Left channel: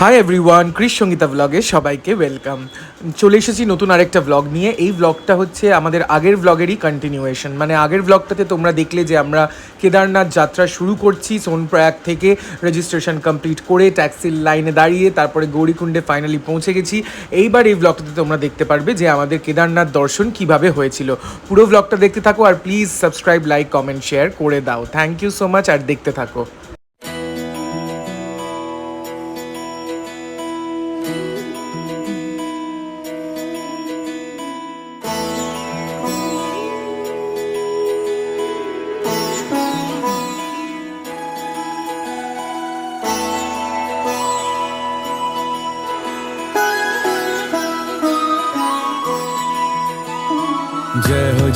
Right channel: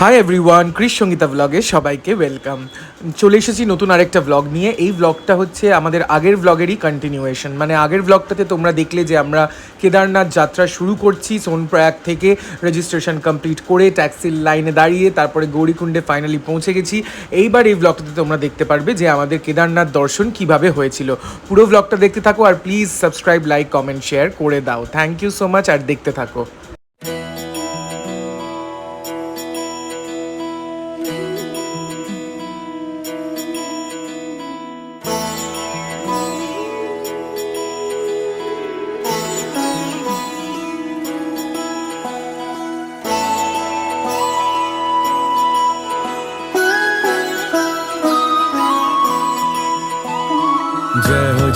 Hi everyone, Chris Sangeeta ব্লগে সবাইকে welcome. চলে এসেছি নতুন আরেকটা ব্লগ নিয়ে। এই ব্লগটা হচ্ছে আমাদের আগের ব্লগেরই কন্টিনিউয়েশন। মানে আগের ব্লগটাতে তোমরা দেখলে যে আমরা কেদারনাথ যাত্রা শুরু করছি সোনপ্রয়াগ থেকে, রেজিস্ট্রেশন কমপ্লিট করে ট্যাক্সির লাইনে দাঁড়িয়ে তারপরে গৌরীকুণ্ডে ফাইনালি পৌঁছে গেছি। এইবার এই ব্লগটাতে তোমরা দেখতে পারবে যে আমাদের কেদারনাথ দর্শন কিভাবে হয়েছিল। পুরো ব্লগটা দেখতে থাকো আর please subscribe, like, comment, share করে দাও। থ্যাংক ইউ সো মাচ আর দেখতে থাকো।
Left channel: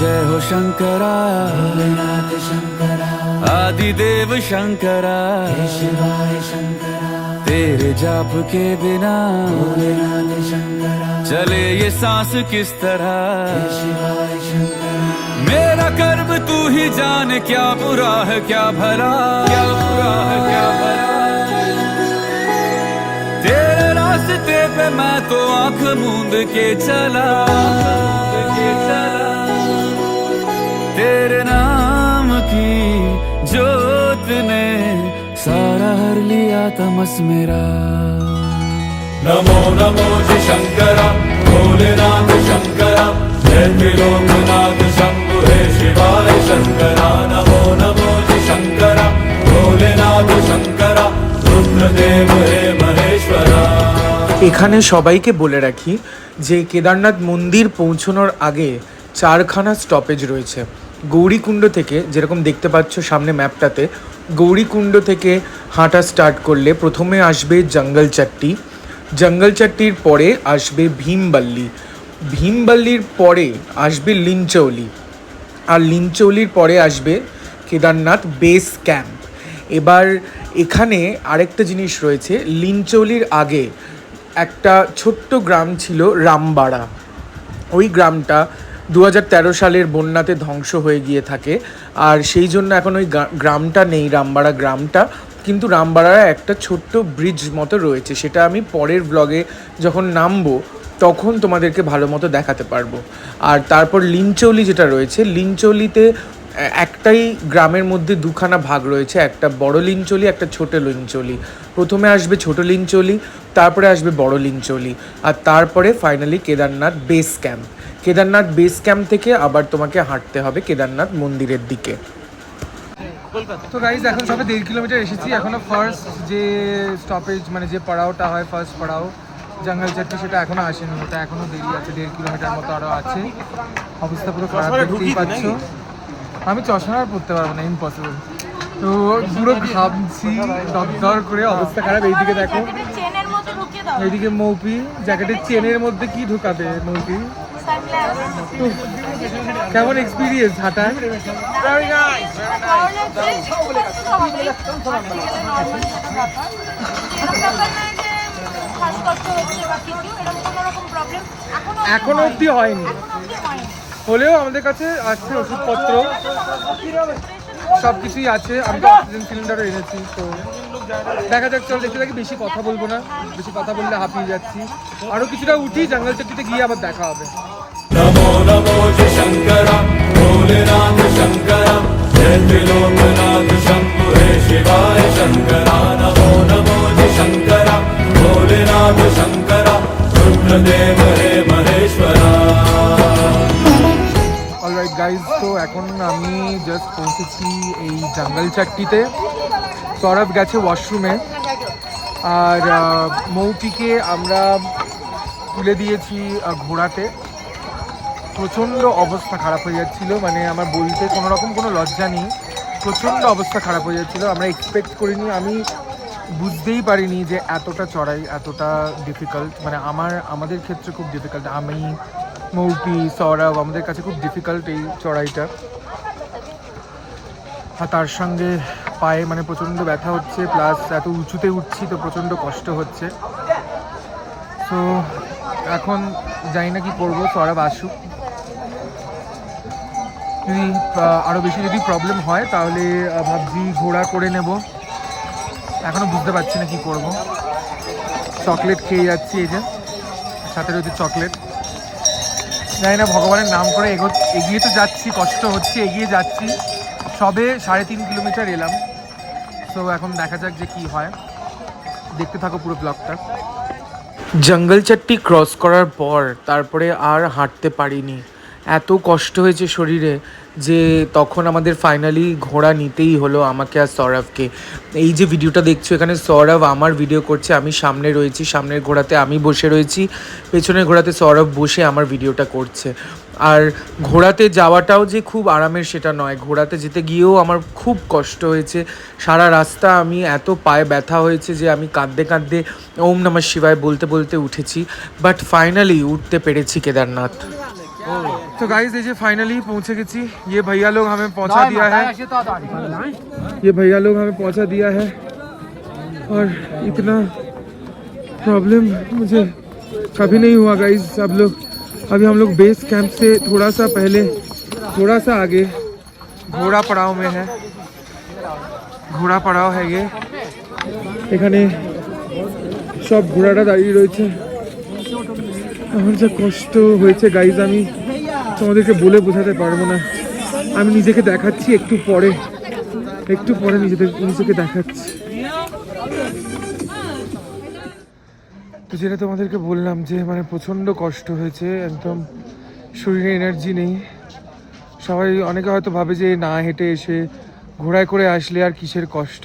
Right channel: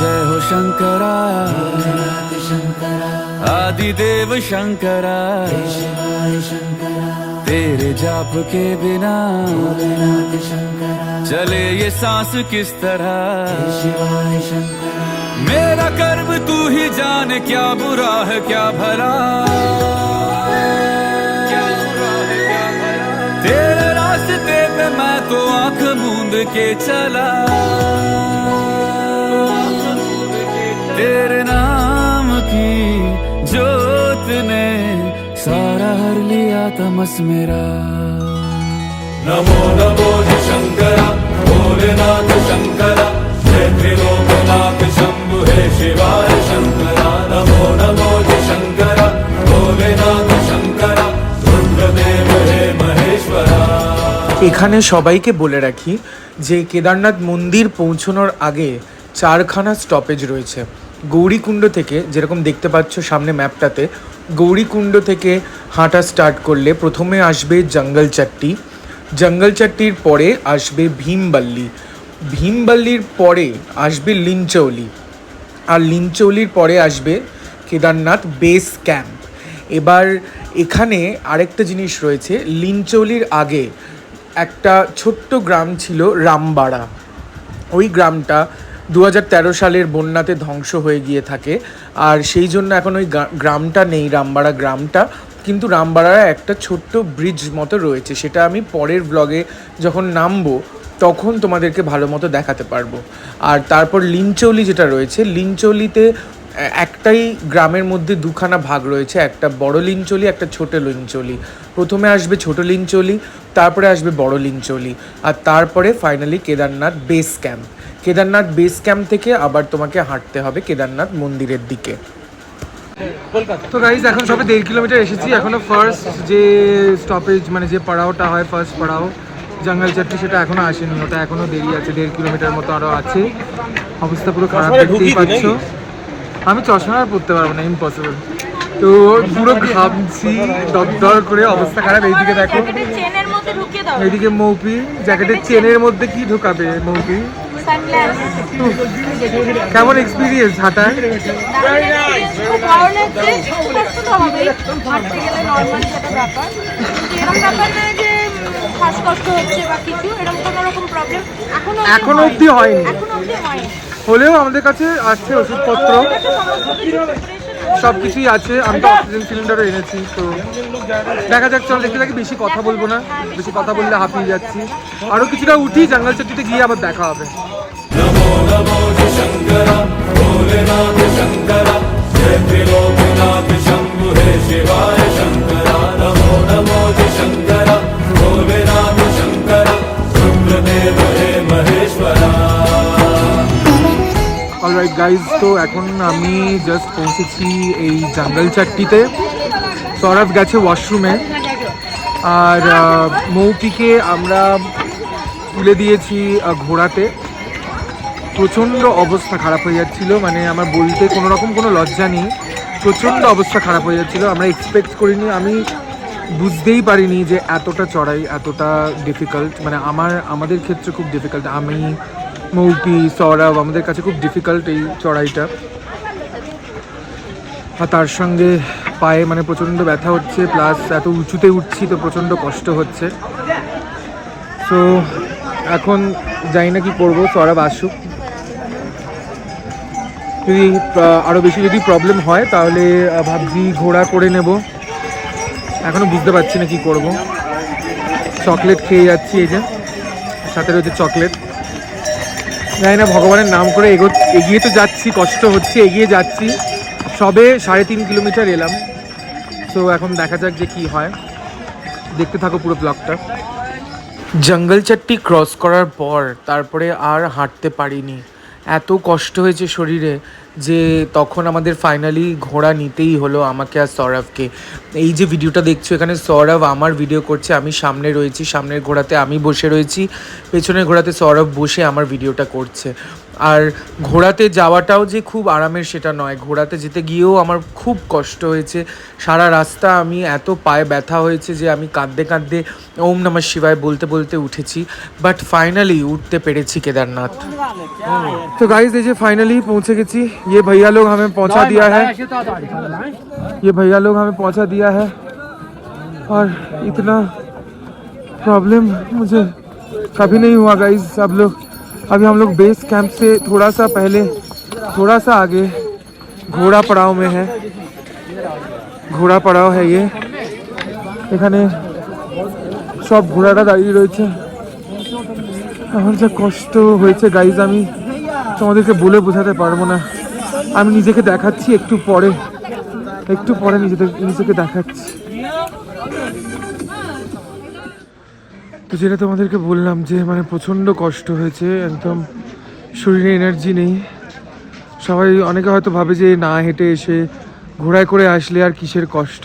जय हो शंकरा आदिदेव शंकरा, तेरे जाप के बिना चले ये सांस किस तरह। मेरा कर्म तू ही जाने, क्या बुरा है क्या भला। तेरे रास्ते पे मैं तो आंख मूंद के चला, तेरे नाम की जोत ने सारा हर लिया तमस मेरा। नमो नमो जी शंकरा भोलेनाथ शंकरा, जय त्रिलोकनाथ शंभु हे शिवाय शंकरा। नमो नमो जी शंकरा भोलेनाथ शंकरा, रुद्रदेव हे महेश्वरा। এখানে সবাইকে বলে রাখি যে কেদারনাথ মন্দির পৌঁছানোর আগে 4খানা স্টপেজ রয়েছে। গৌরীকুণ্ড থেকে, যেরকম দেখতে পাচ্ছ সামনে ম্যাপটাতে, গৌরীকুণ্ড থেকে হাঁটা স্টার্ট করলে প্রথমে আসবে জঙ্গলচাট্টি, জঙ্গলচাট্টির পরে আসবে ভীমবাল্লি, ভীমবাল্লির পরে আসবে লিঞ্চৌলি, আর লিঞ্চৌলির পরে আসবে কেদারনাথ বেস ক্যাম্প। এবার এখানে আরেকটা জিনিস রয়েছে, লিঞ্চৌলির আগে একটা ছোট্ট গ্রাম ছিল রামবাড়া। ওই গ্রামটা 2013 সালের বন্যাতে ধ্বংস হয়ে গিয়ে থাকে, আর সেই জন্য এখন ওই গ্রামটা নেই, রামবাড়া গ্রামটা। কিন্তু রামবাড়ার একটা ছোট্ট ব্রিজ মতো রয়েছে, সেটা আমি পরের ব্লগে যখন নামবো তখন তোমাদেরকে ভালো মতো দেখাতে পারবো। আর তারপর লিঞ্চৌলি যেটা রয়েছে, লিঞ্চৌলিতে একটাই গ্রামের মধ্যে দুখানা ভাগ রয়েছে, একটা বড় লিঞ্চৌলি, একটা ছোট লিঞ্চৌলি। প্রথমে আসবে ছোট লিঞ্চৌলি, তারপরে আসবে বড় লিঞ্চৌলি, আর তারপরে finally Kedarnath base camp. Kedarnath base camp থেকে আবার তোমাকে হাঁটতে হবে কেদারনাথ মন্দিরের দিকে। তো গাইজ এখন সবে 1.5 কিলোমিটার এসেছি। এখনও ফার্স্ট যে স্টপেজ, মানে যে পাড়াওটা হয় ফার্স্ট পাড়াও জঙ্গলচাট্টি, সেটা এখনও আসেনি, ওটা এখনও দেরি আছে, 1.5 কিলোমিটার মতো আরও আছে। অবস্থা পুরো খারাপ, দেখতেই পাচ্ছ। আমি চশমা আর পরতে পারবো না, ইম্পসিবল। তো পুরো ঘামছি দরদর করে, অবস্থা খারাপ। এইদিকে দেখো, এইদিকে মৌপি জ্যাকেটের চেনের মধ্যে কি ঢোকাবে মৌপি। কেমন এক্সপিরিয়েন্স হাঁটার? এখন অব্দি হয়নি, হলেও আমাদের কাছে আছে ওষুধপত্র, সব কিছুই আছে। আমি তো অক্সিজেন সিলিন্ডারও এনেছি। তো দেখা যাক, চল দেখতে থাকি, বেশি কথা বলবো না, বেশি কথা বললে হাঁপিয়ে যাচ্ছি। আরও কিছুটা উঠি, জঙ্গলচাট্টিতে গিয়ে আবার দেখা হবে। অলরাইট গাইজ, তো এখন আমি জাস্ট পৌঁছেছি এই জঙ্গলচাট্টিতে। সৌরভ গেছে ওয়াশরুমে, আর মৌপিকে আমরা তুলে দিয়েছি ঘোড়াতে। প্রচণ্ড অবস্থা খারাপ হয়ে যাচ্ছিলো, মানে আমার বলতে কোনো রকম কোনো লজ্জা নেই, প্রচণ্ড অবস্থা খারাপ হয়ে যাচ্ছিলো। আমরা এক্সপেক্ট করিনি, আমি বুঝতেই পারিনি যে এতটা চড়াই এতটা ডিফিকাল্ট। মানে আমাদের ক্ষেত্রে খুব ডিফিকাল্ট, আমি, মৌপি, সৌরভ, আমাদের কাছে খুব ডিফিকাল্ট এই চড়াইটা। আর তার সঙ্গে পায়ে মানে প্রচণ্ড ব্যথা হচ্ছে, প্লাস এত উঁচুতে উঠছি তো প্রচণ্ড কষ্ট হচ্ছে। সো এখন জানি না কি করবো, সৌরভ আসুক, যদি আরও বেশি যদি প্রবলেম হয় তাহলে ভাবছি ঘোড়া করে নেব। এখনও বুঝতে পারছি না কি করব। চকলেট খেয়ে যাচ্ছি, এই যে সাথে রয়েছে চকলেট। জানি না, ভগবানের নাম করে এগিয়ে তো যাচ্ছি, কষ্ট হচ্ছে, এগিয়ে যাচ্ছি। সবে 3.5 কিলোমিটার এলাম। তো এখন দেখা যাক যে কি হয়, দেখতে থাকো পুরো ব্লগটা। জঙ্গল চাট্টি ক্রস করার পর তারপরে আর হাঁটতে পারিনি, এত কষ্ট হয়েছে শরীরে যে তখন আমাদের ফাইনালি ঘোড়া নিতেই হলো আমাকে আর সৌরভকে। এই যে ভিডিওটা দেখছো, এখানে সৌরভ আমার ভিডিও করছে, আমি সামনে রয়েছি, সামনের ঘোড়াতে আমি বসে রয়েছি, পেছনের ঘোড়াতে সৌরভ বসে আমার ভিডিওটা করছে। আর ঘোড়াতে যাওয়াটাও যে খুব আরামের সেটা নয়, ঘোড়াতে যেতে গিয়েও আমার খুব কষ্ট হয়েছে। সারা রাস্তা আমি এত পায়ে ব্যথা হয়েছে যে আমি কাঁদতে কাঁদতে ওম নমঃ শিবায় বলতে বলতে উঠেছি, বাট ফাইনালি উঠতে পেরেছি কেদারনাথ। तो गाइस ये फाइनली पहुंचे गए। ये भैया लोग हमें पहुंचा दिया है, ये भैया लोग हमें पहुंचा दिया है। और इतना प्रॉब्लम मुझे कभी नहीं हुआ गाइस। अभी हम लोग बेस कैंप से थोड़ा सा पहले, थोड़ा सा आगे घोड़ा पड़ाव में है। घोड़ा पड़ाव है ये, এখানে সব ঘোড়াটা দাঁড়িয়ে রয়েছে। আমার যা কষ্ট হয়েছে গাইজ আমি তোমাদেরকে বলে বোঝাতে পারবো না। আমি নিজেকে দেখাচ্ছি একটু পরে নিজেকে দেখাচ্ছি। তো যেটা তোমাদেরকে বললাম যে মানে প্রচণ্ড কষ্ট হয়েছে, একদম শরীরে এনার্জি নেই। সবাই অনেকে হয়তো ভাবে যে না হেঁটে এসে ঘোড়ায় করে আসলে আর কিসের কষ্ট,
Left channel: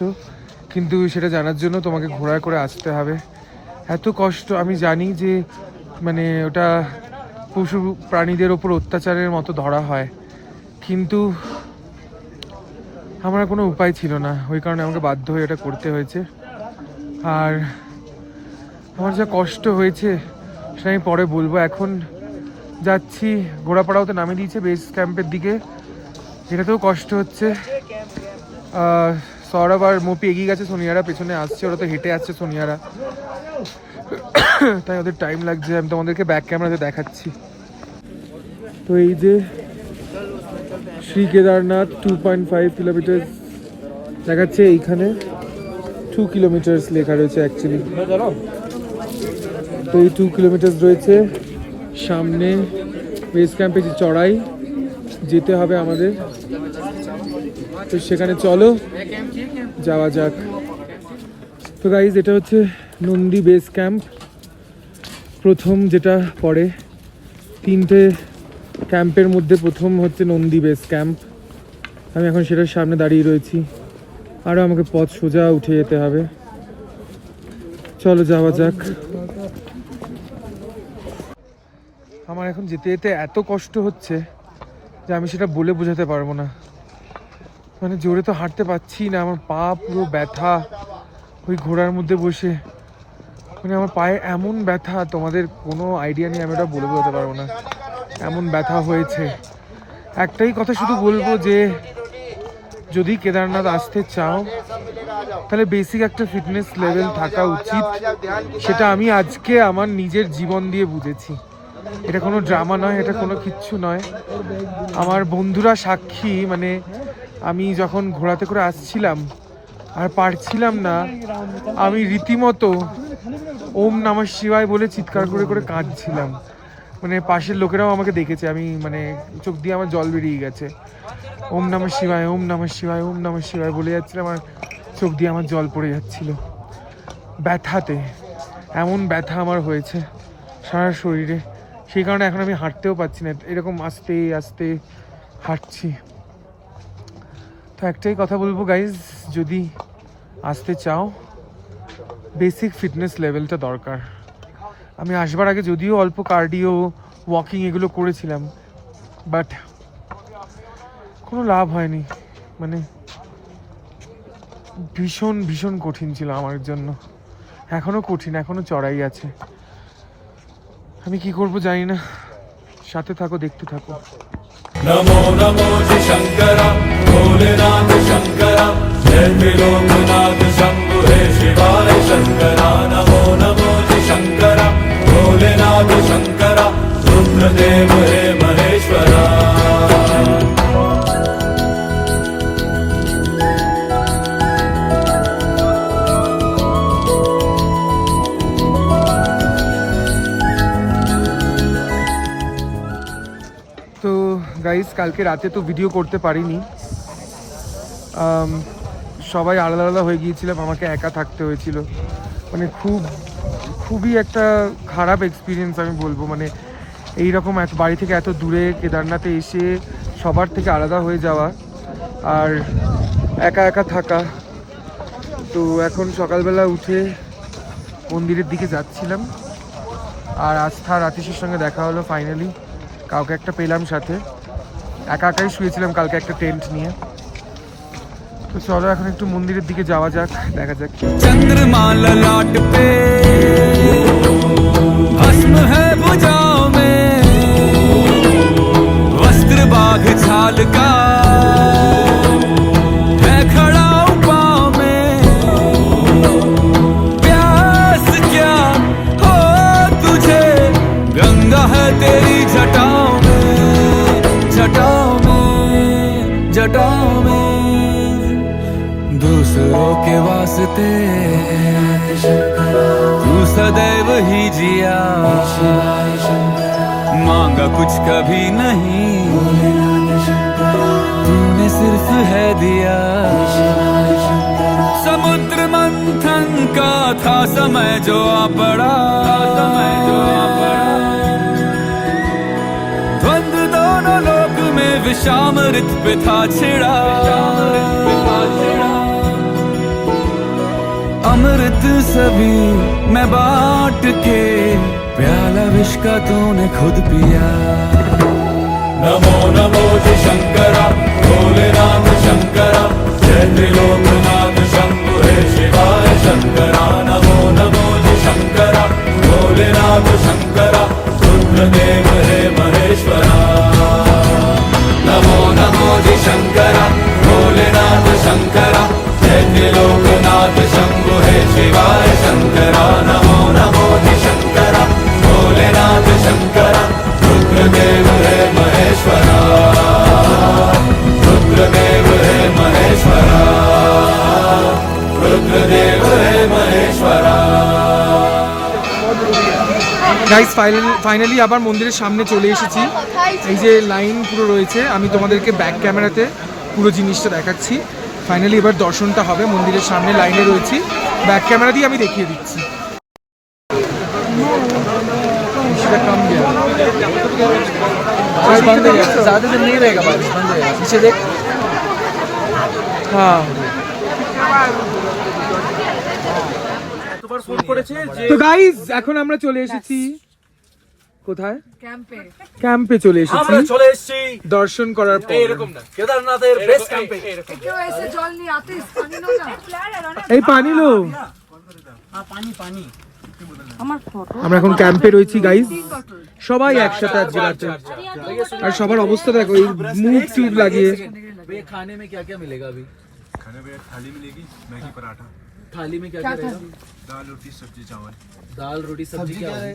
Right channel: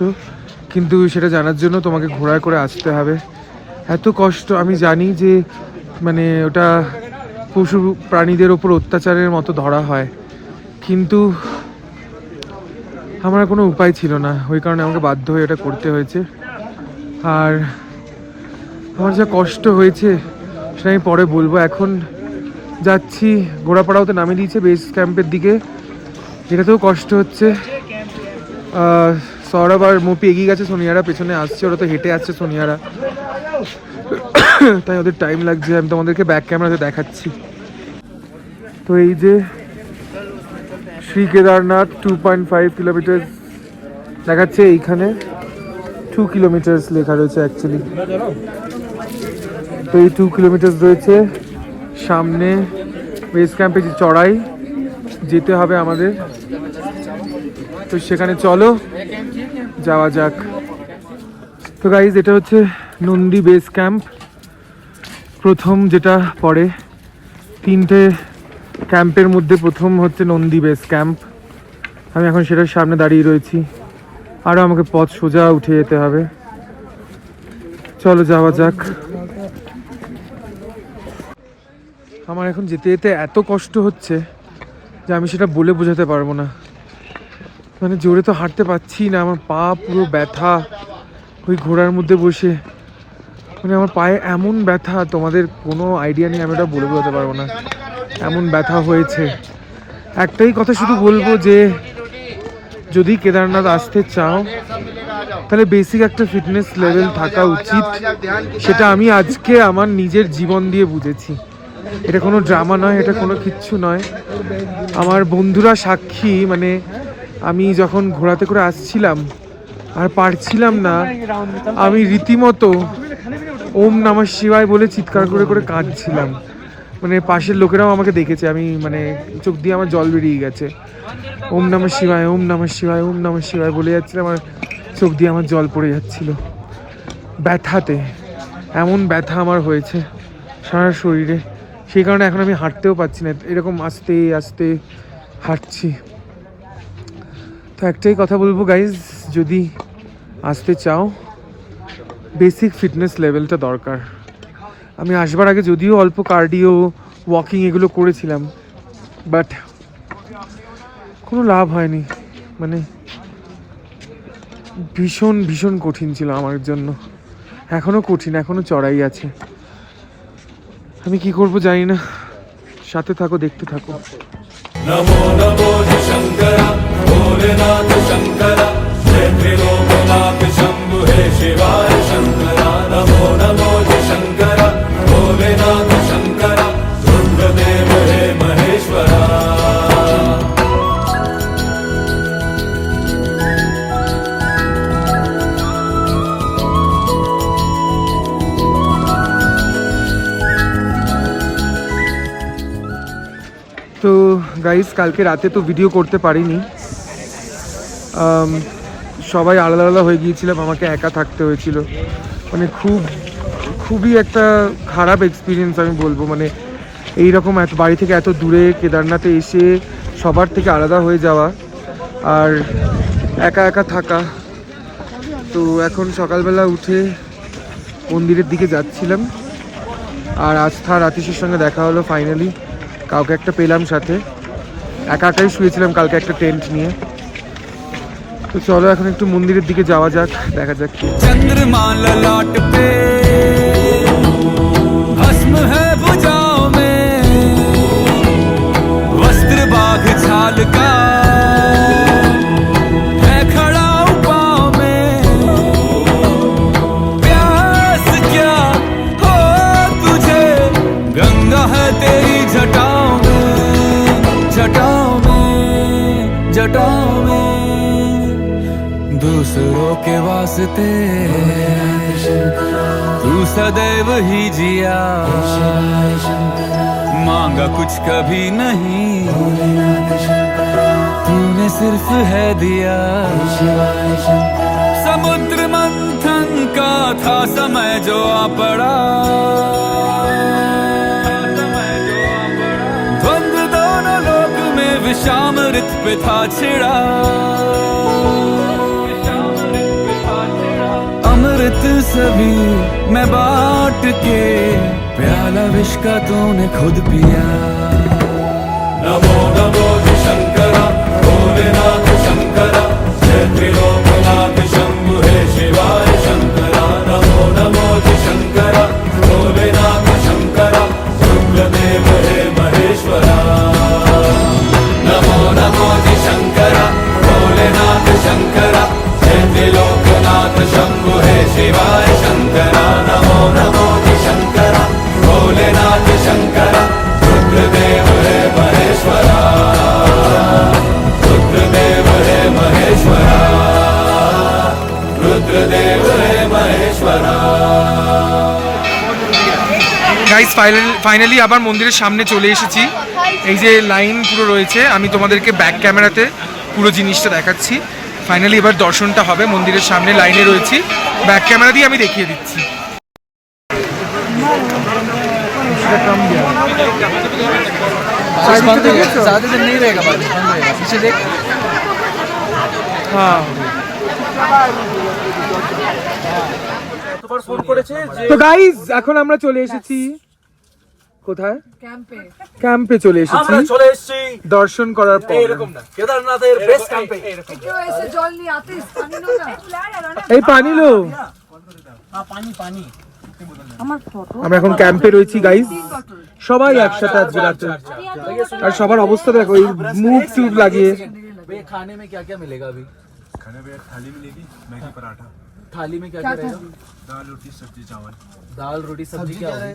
কিন্তু সেটা জানার জন্য তোমাকে ঘোড়ায় করে আসতে হবে। এত কষ্ট আমি জানি যে মানে ওটা পশু প্রাণীদের ওপর অত্যাচারের মতো ধরা হয়, কিন্তু আমার কোনো উপায় ছিল না, ওই কারণে আমাকে বাধ্য হয়ে এটা করতে হয়েছে। আর আমার যা কষ্ট হয়েছে সেটা আমি পরে বলবো। এখন যাচ্ছি, ঘোড়াপাড়াও তো নামিয়ে দিয়েছে বেস ক্যাম্পের দিকে, এটাতেও কষ্ট হচ্ছে। সৌরভ আর মপি এগিয়ে গেছে, সোনিয়ারা পেছনে আসছে, ওরা তো হেঁটে আসছে সোনিয়ারা, তাই ওদের টাইম লাগছে। আমি তোমাদেরকে ব্যাক ক্যামেরাতে দেখাচ্ছি। তো এই যে শ্রী কেদারনাথ 2.5 কিলোমিটার দেখাচ্ছে, এইখানে 2 কিলোমিটার লেখা রয়েছে অ্যাকচুয়ালি। তো এই 2 কিলোমিটার রয়েছে সামনে বেস ক্যাম্পে, যে চড়াই যেতে হবে আমাদের, তো সেখানে চলো যাওয়া যাক। তো গাইজ এটা হচ্ছে নন্দী বেস ক্যাম্প, প্রথম যেটা পড়ে 3টে ক্যাম্পের মধ্যে প্রথম হচ্ছে নন্দী বেস ক্যাম্প। আমি এখন সেটার সামনে দাঁড়িয়ে রয়েছি, আরও আমাকে পথ সোজা উঠে যেতে হবে, চলো যাওয়া যাক। আমার এখন যেতে যেতে এত কষ্ট হচ্ছে যে আমি সেটা বলে বোঝাতে পারবো না। মানে জোরে তো হাঁটতে পারছি না, আমার পা পুরো ব্যথা ওই ঘোড়ার মধ্যে বসে, মানে আমার পায়ে এমন ব্যথা তোমাদের কোনো আইডিয়া নেই, আমি ওটা বলে বোঝাতে পারবো না, এমন ব্যথা হয়েছে। একটাই কথা শুধু বলবো যে যদি কেদারনাথ আসতে চাও তাহলে বেসিক একটা ফিটনেস লেভেল থাকা উচিত, সেটা আমি আজকে আমার নিজের জীবন দিয়ে বুঝেছি। এটা কোনো ড্রামা নয়, এটা কোনো কিচ্ছু নয়, আমার বন্ধুরা সাক্ষী। মানে আমি যখন ঘোড়াতে করে আসছিলাম আর পারছিলাম না, আমি রীতিমতো ওম নমঃ শিবায় বলে চিৎকার করে করে কাঁদছিলাম। মানে পাশের লোকেরাও আমাকে দেখেছে, আমি মানে চোখ দিয়ে আমার জল বেরিয়ে গেছে। ওম নমঃ শিবায়, ওম নমঃ শিবায়, ওম নমঃ শিবায় বলে যাচ্ছিলাম, আমার চোখ দিয়ে আমার জল পড়ে যাচ্ছিল ব্যথাতে। এমন ব্যথা আমার হয়েছে সারা শরীরে, সেই কারণে এখন আমি হাঁটতেও পারছি না, এরকম আস্তে আস্তে হাঁটছি। তো একটাই কথা বলবো গাইজ, যদি আসতে চাও বেসিক ফিটনেস লেভেলটা দরকার। আমি আসবার আগে যদিও অল্প কার্ডিও, ওয়াকিং এগুলো করেছিলাম, বাট কোনো লাভ হয়নি। মানে ভীষণ ভীষণ কঠিন ছিল আমার জন্য, এখনও কঠিন, এখনও চড়াই আছে। আমি কি করব জানি না, সাথে থাকো, দেখতে থাকো। नमो नमो जी शंकरा भोलेनाथ शंकरा जय त्रिलोकनाथ शंभु हे शिवाय शंकरा। नमो नमो जी शंकरा भोलेनाथ शंकरा रुद्रदेव हे महेश्वरा। গাইস কালকে রাতে তো ভিডিও করতে পারিনি, সবাই আলাদা আলাদা হয়ে গিয়েছিলাম, আমাকে একা থাকতে হয়েছিল। মানে খুবই একটা খারাপ এক্সপিরিয়েন্স আমি বলবো। মানে এইরকম এত বাড়ি থেকে এত দূরে কেদারনাথে এসে সবার থেকে আলাদা হয়ে যাওয়া আর একা একা থাকা। তো এখন সকালবেলা উঠে মন্দিরের দিকে যাচ্ছিলাম, আর আস্থা আর আতিশের সঙ্গে দেখা হলো ফাইনালি। কাউকে একটা পেলাম সাথে, একা একাই শুয়েছিলাম কালকে একটা টেন্ট নিয়ে। তো চলো এখন একটু মন্দিরের দিকে যাওয়া যাক, দেখা যাক। चंद्रमा ललाट पे भस्म है भुजाओं में, वस्त्र बाघ छाल का है खड़ा पाँव में। प्यास क्या हो तुझे, गंगा है तेरी जटाओं में, जटाओं में, जटाओं में। दूसरों के वास्ते तू सदैव ही जिया, मांगा कुछ कभी नहीं, तूने सिर्फ है दिया। समुद्र मंथन का था समय जो आ पड़ा, द्वंद्व दोनों लोक में विषामृत पे था छिड़ा। अमृत सभी मैं बांट के, प्याला विष का तूने खुद पिया। नमो नमो जय शंकरा, भोलेनाथ शंकरा, जय त्रिलोकनाथ शंभु हे शिवाय शंकरा। नमो नमो जय शंकरा, भोलेनाथ शंकरा, रुद्रदेव हे महेश्वरा। नमो नमो जय शंकरा, भोलेनाथ शंकरा, जय त्रिलोकनाथ शंभु हे शिवाय शंकरा। नमो नमो जय शंकरा, भोलेनाथ शंकरा, रुद्रदेव हे महेश्वरा, रुद्रदेव हे महेश्वरा, रुद्रदेव हे महेश्वरा। গাইস ফাইনালি আবার মন্দিরের সামনে চলে এসেছি। এই যে লাইন পুরো রয়েছে, আমি তোমাদেরকে ব্যাক ক্যামেরাতে পুরো জিনিসটা দেখাচ্ছি। ফাইনালি এবার দর্শনটা হবে, মন্দিরের সামনে লাইনে রয়েছি, ব্যাক ক্যামেরা দিয়ে আমি দেখিয়ে দিচ্ছি। बारिश बंद हो गया, ज़्यादा दिन नहीं रहेगा, बारिश बंद हो जाएगा। पीछे देख। হ্যাঁ, তো গাইস এখন আমরা চলে এসেছি কোথায়? ক্যাম্পে চলে এসেছি দর্শন করার পর। কেদারনাথের বেস ক্যাম্পে। এই পানি লো, আমরা এখন ক্যাম্পে রয়েছি গাইস, সবাই একসাথে আজকে রাতে। আর সবার অবস্থা দেখো, এই মুভ টুব লাগিয়ে। खाने में क्या क्या मिलेगा अभी? खाने में थाली मिलेगी, मैगी पराठा, थाली में क्या क्या रहेगा? दाल रोटी सब्जी चावल। दाल रोटी सब्जी क्या होगी?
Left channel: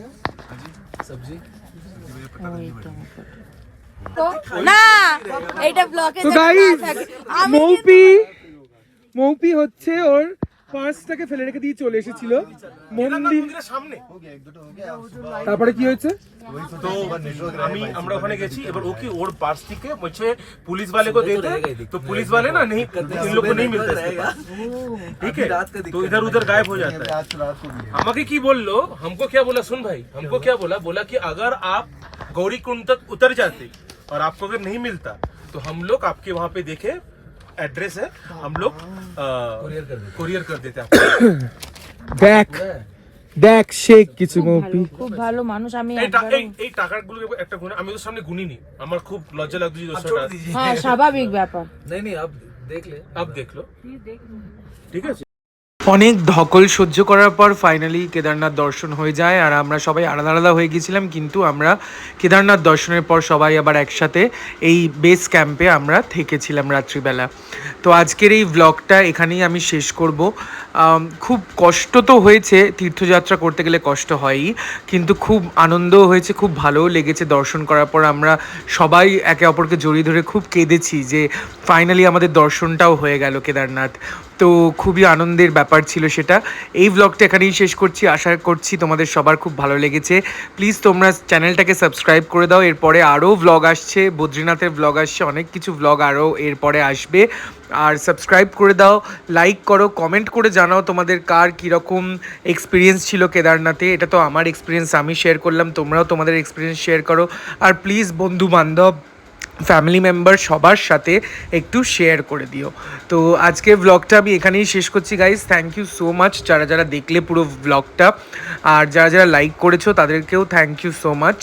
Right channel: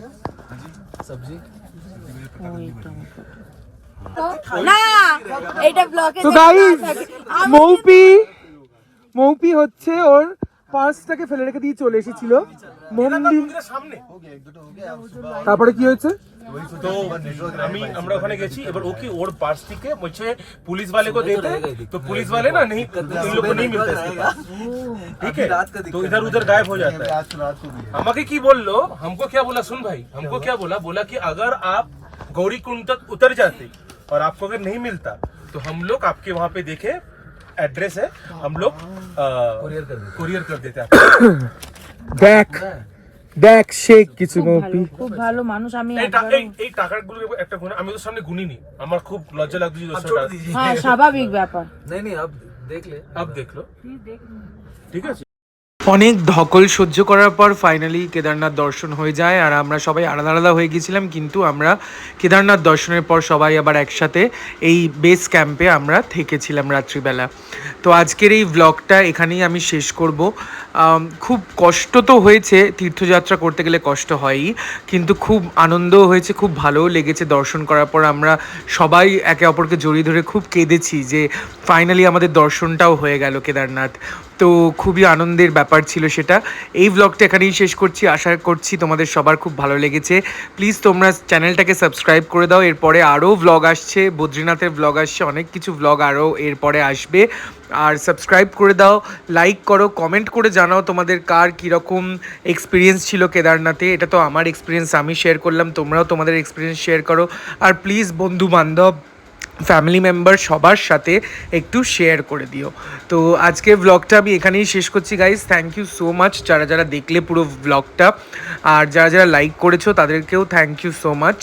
सब्जी না এটা ব্লকে তো গাইস মৌপি হচ্ছে ওর পার্সটাকে ফেলে রেখে দিয়ে চলে এসেছিল মন্দিরের সামনে। তারপরে কি হয়েছে? তো আমরা ওখানে গেছি, এবার ও কি ওর পার্স থেকে मुझे पुलिस वाले को देते, तो पुलिस वाले ना नहीं, इन लोग को नहीं मिलता इसके पास, ठीक है, तो इधर उधर गायब हो जाता है। আমাকে কি বললো, हमको क्या बोला, सुन भाई, हमको क्या बोला कि अगर आप गौरी कुंड तक उतर जाते और आपको अगर नहीं मिलता तो हम लोग आपके वहाँ पे देखे एड्रेस है, हम लोग कुरियर कर देते आपको। দেখ শেখ কিছু মৌপি খুব ভালো মানুষ। আমি এই টাকাগুলো একটা গুণে আমি ওদের সামনে গুনিনি, আমার খুব লজ্জা লাগছে। হ্যাঁ স্বাভাবিক ব্যাপার। नहीं अब देख ले, अब देख लो, ঠিক আছে। অনেক ধকল সহ্য করার পর ফাইনালি কেদারনাথ দর্শন হয়ে যায়। আর আমরা সবাই আলাদা আলাদা হয়ে গেছিলাম, কিন্তু আমরা কেদারনাথ দর্শনের পর সবাই আবার একসাথে এই বেস ক্যাম্পে আমরা থেকেছিলাম রাত্রিবেলা। তো আজকের এই ব্লগটা এখানেই আমি শেষ করব। খুব কষ্ট তো হয়েছে, তীর্থযাত্রা করতে গেলে কষ্ট হয়ই, কিন্তু খুব আনন্দও হয়েছে, খুব ভালোও লেগেছে। দর্শন করার পর আমরা সবাই একে অপরকে জড়িয়ে ধরে খুব কেঁদেছি যে ফাইনালি আমাদের দর্শনটাও হয়ে গেল কেদারনাথ। তো খুবই আনন্দের ব্যাপার ছিল সেটা। এই ব্লগটা এখানেই শেষ করছি, আশা করছি তোমাদের সবার খুব ভালো লেগেছে। প্লিজ তোমরা চ্যানেলটাকে সাবস্ক্রাইব করে দাও। এরপরে আরও ব্লগ আসছে, বদ্রীনাথের ব্লগ আসছে, অনেক কিছু ব্লগ আরও এরপরে আসবে। আর সাবস্ক্রাইব করে দাও, লাইক করো, কমেন্ট করে জানাও তোমাদের কার কীরকম এক্সপিরিয়েন্স ছিল কেদারনাথে। এটা তো আমার এক্সপিরিয়েন্স, আমি শেয়ার করলাম, তোমরাও তোমাদের এক্সপিরিয়েন্স শেয়ার করো। আর প্লিজ বন্ধু বান্ধব, ফ্যামিলি মেম্বার সবার সাথে একটু শেয়ার করে দিও। তো আজকের ব্লগটা আমি এখানেই শেষ করছি guys. Thank you so much যারা যারা দেখলে পুরো ব্লগটা, আর যারা যারা লাইক করেছো তাদেরকেও থ্যাংক ইউ সো মাচ।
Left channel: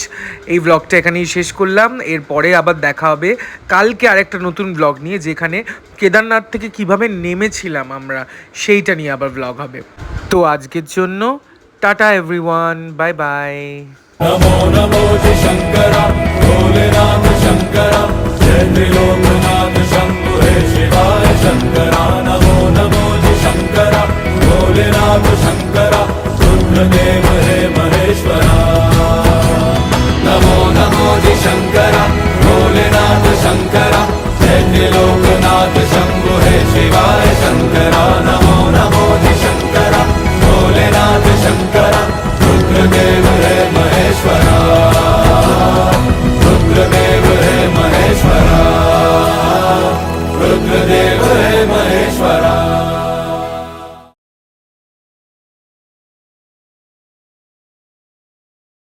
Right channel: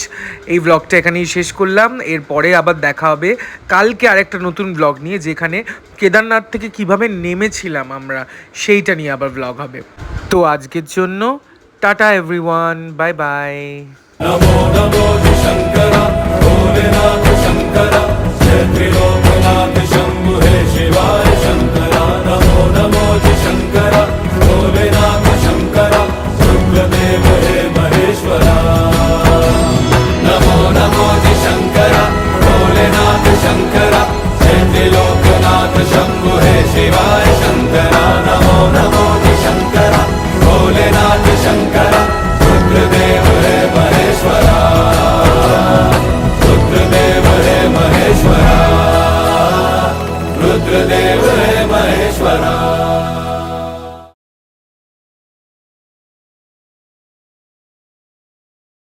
এই ব্লগটা এখানেই শেষ করলাম, এরপরে আবার দেখা হবে কালকে আরেকটা নতুন ব্লগ নিয়ে, যেখানে কেদারনাথ থেকে কিভাবে নেমেছিলাম আমরা সেইটা নিয়ে আবার ব্লগ হবে। তো আজকের জন্য tata everyone, bye bye. Namo Namo जी शंकरा भोलेनाथ शंकरा जय त्रिलोकनाथ शंभु हे शिवाय शंकरा नमो नमो जी शंकरा भोलेनाथ शंकरा रुद्रदेव है महेश्वरा रुद्रदेव है महेश्वरा रुद्रदेव है महेश्वरा।